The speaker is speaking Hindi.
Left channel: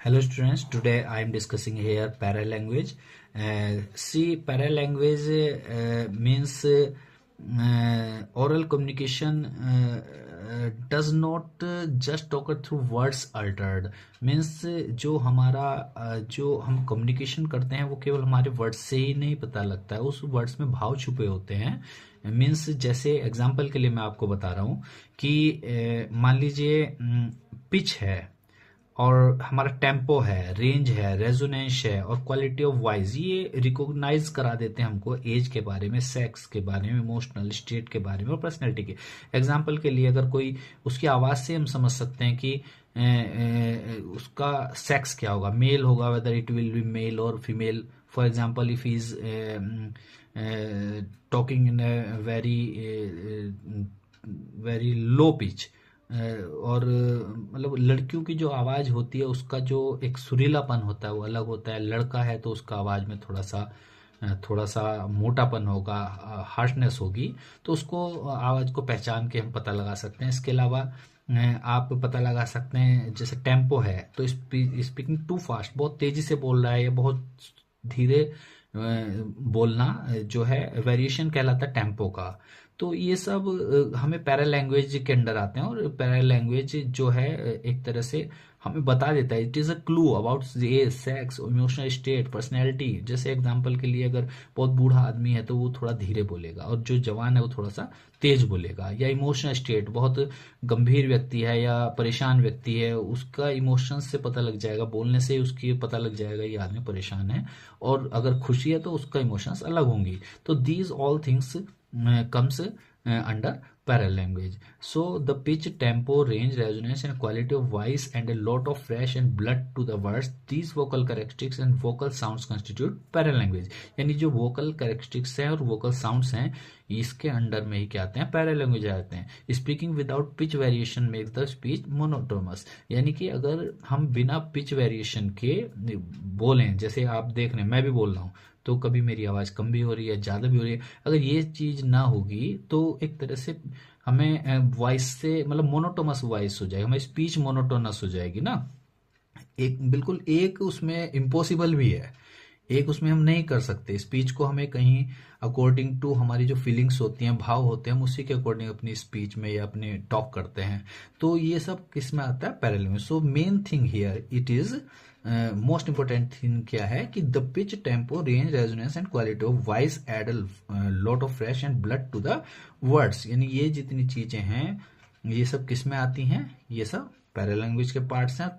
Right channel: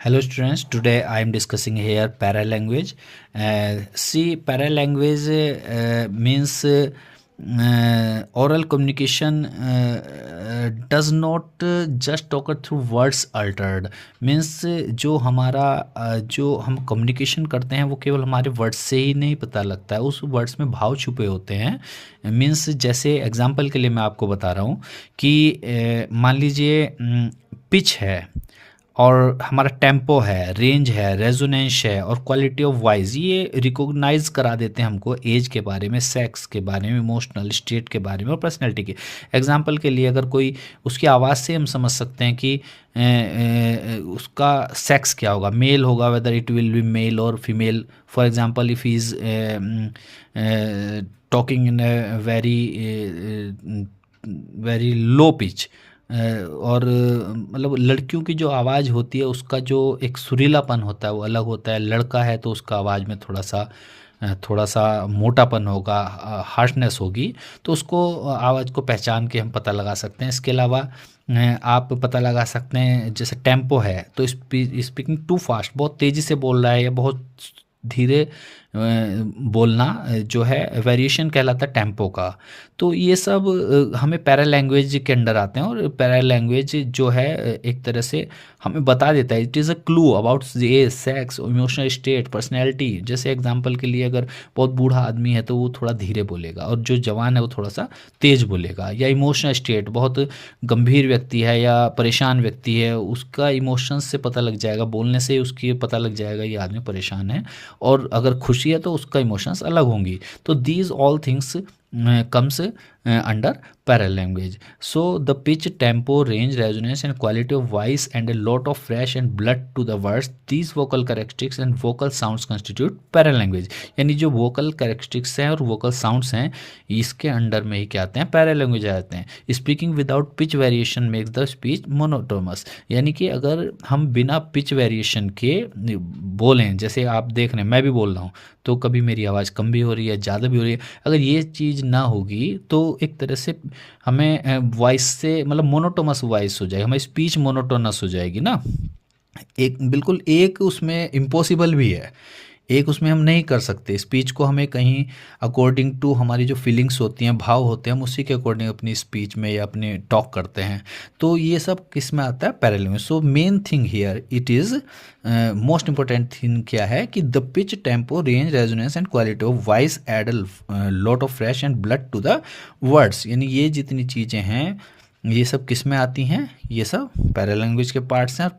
Hello students, today I am discussing here paralanguage. See, paralanguage means oral communication does not just occur through words altered. Means जो हमारा जो हम कम्युनिकेशन करते हैं वो केवल हमारे वर्ड्स से ही नहीं पता लगता है, उस वर्ड्स में भाव छुपे होते हैं. मीन्स जैसे एग्जांपल के लिए मैं आपको बता रहा हूँ कि मान लीजिए पिच है और हमारा टेम्पो है, रेंज है, रेजोनेंस है और क्वालिटी ऑफ वॉइस, ये रिकॉग्नाइज करा देते हैं हमको एज के बारे में, सेक्स के बारे में, इमोशनल स्टेट के बारे में और पर्सनैलिटी के. एग्जांपल के लिए अगर कोई उसकी आवाज़ से हम समझ सकते हैं कि उसका सेक्स क्या होगा, मेल होगा, whether it will be male और female. For example if he is talking in very very low pitch, और मतलब लड़कियों की जो आवाज़ होती है उसका जो एक सुरीलापन होता है वो अलग होता है. लड़का है तो उसका आवाज़ में थोड़ा सा मोटापन होगा, हार्शनेस होगी. तो उसको आवाज़ को पहचान के हम पता लगा सकते हैं. इसके अलावा आप पता लगा सकते हैं जैसे टेम्पो है तो स्पीकिंग टू फास्ट, बहुत तेज़ी से बोल रहा है या बहुत धीरे बोलना जो है वेरिएशन कहलाता है टेम्पो का. तो ये सब हमें पैरा लैंग्वेज के अंडर आते हैं और पैरा लैंग्वेज जो है एक तरह से हमें बता देता है. It is a clue about age, sex, emotional state, personality. जैसे एग्जांपल के लिए अगर बहुत बूढ़ा आदमी है तो वो थोड़ा धीरे बोलेगा और जो जवान है वो थोड़ा सा तेज़ बोलेगा. या इमोशनल स्टेट, बहुत गंभीर व्यक्ति है या परेशान व्यक्ति है, उसका इमोशंस से पता लग जाएगा, बोलने से उसकी पता लग जाएगा ये आदमी परेशान है. और अगर खुशी है तो उसका इमोशंस अलग होंगी. तो these all things comes under parallel language. So the pitch, tempo, range, resonance and quality of voice and a lot of fresh and blood to the words, these vocal characteristics and vocal sounds constitute parallel language. यानी जो vocal characteristics हैं और vocal sounds हैं इसके अंडर में ही क्या आते हैं, पैरल लैंग्वेज आते हैं. Speaking without pitch variation makes the speech monotonous. यानी कि अगर हम बिना पिच वेरिएशन के बोलें, जैसे आप देख रहे हैं मैं भी बोल रहा हूँ तो कभी मेरी आवाज़ कम भी हो रही है, ज़्यादा भी हो रही है, अगर ये चीज़ ना होगी तो एक तरह से हमें वॉइस से मतलब मोनोटोनस वॉइस हो जाएगी, हमारी स्पीच मोनोटोनस हो जाएगी ना. एक बिल्कुल एक उसमें इम्पॉसिबल भी है, एक उसमें हम नहीं कर सकते. स्पीच को हमें कहीं अकॉर्डिंग टू हमारी जो फीलिंग्स होती हैं, भाव होते हैं, हम उसी के अकॉर्डिंग अपनी स्पीच में या अपने टॉक करते हैं. तो ये सब किस में आता है, parallel language. So main thing here it is most important thing क्या है कि the pitch, tempo, range, resonance and quality of voice add lot of fresh and blood to the words. यानी ये जितनी चीज़ें हैं ये सब किस में आती हैं, ये सब पैरेलल लैंग्वेज के पार्ट्स हैं. और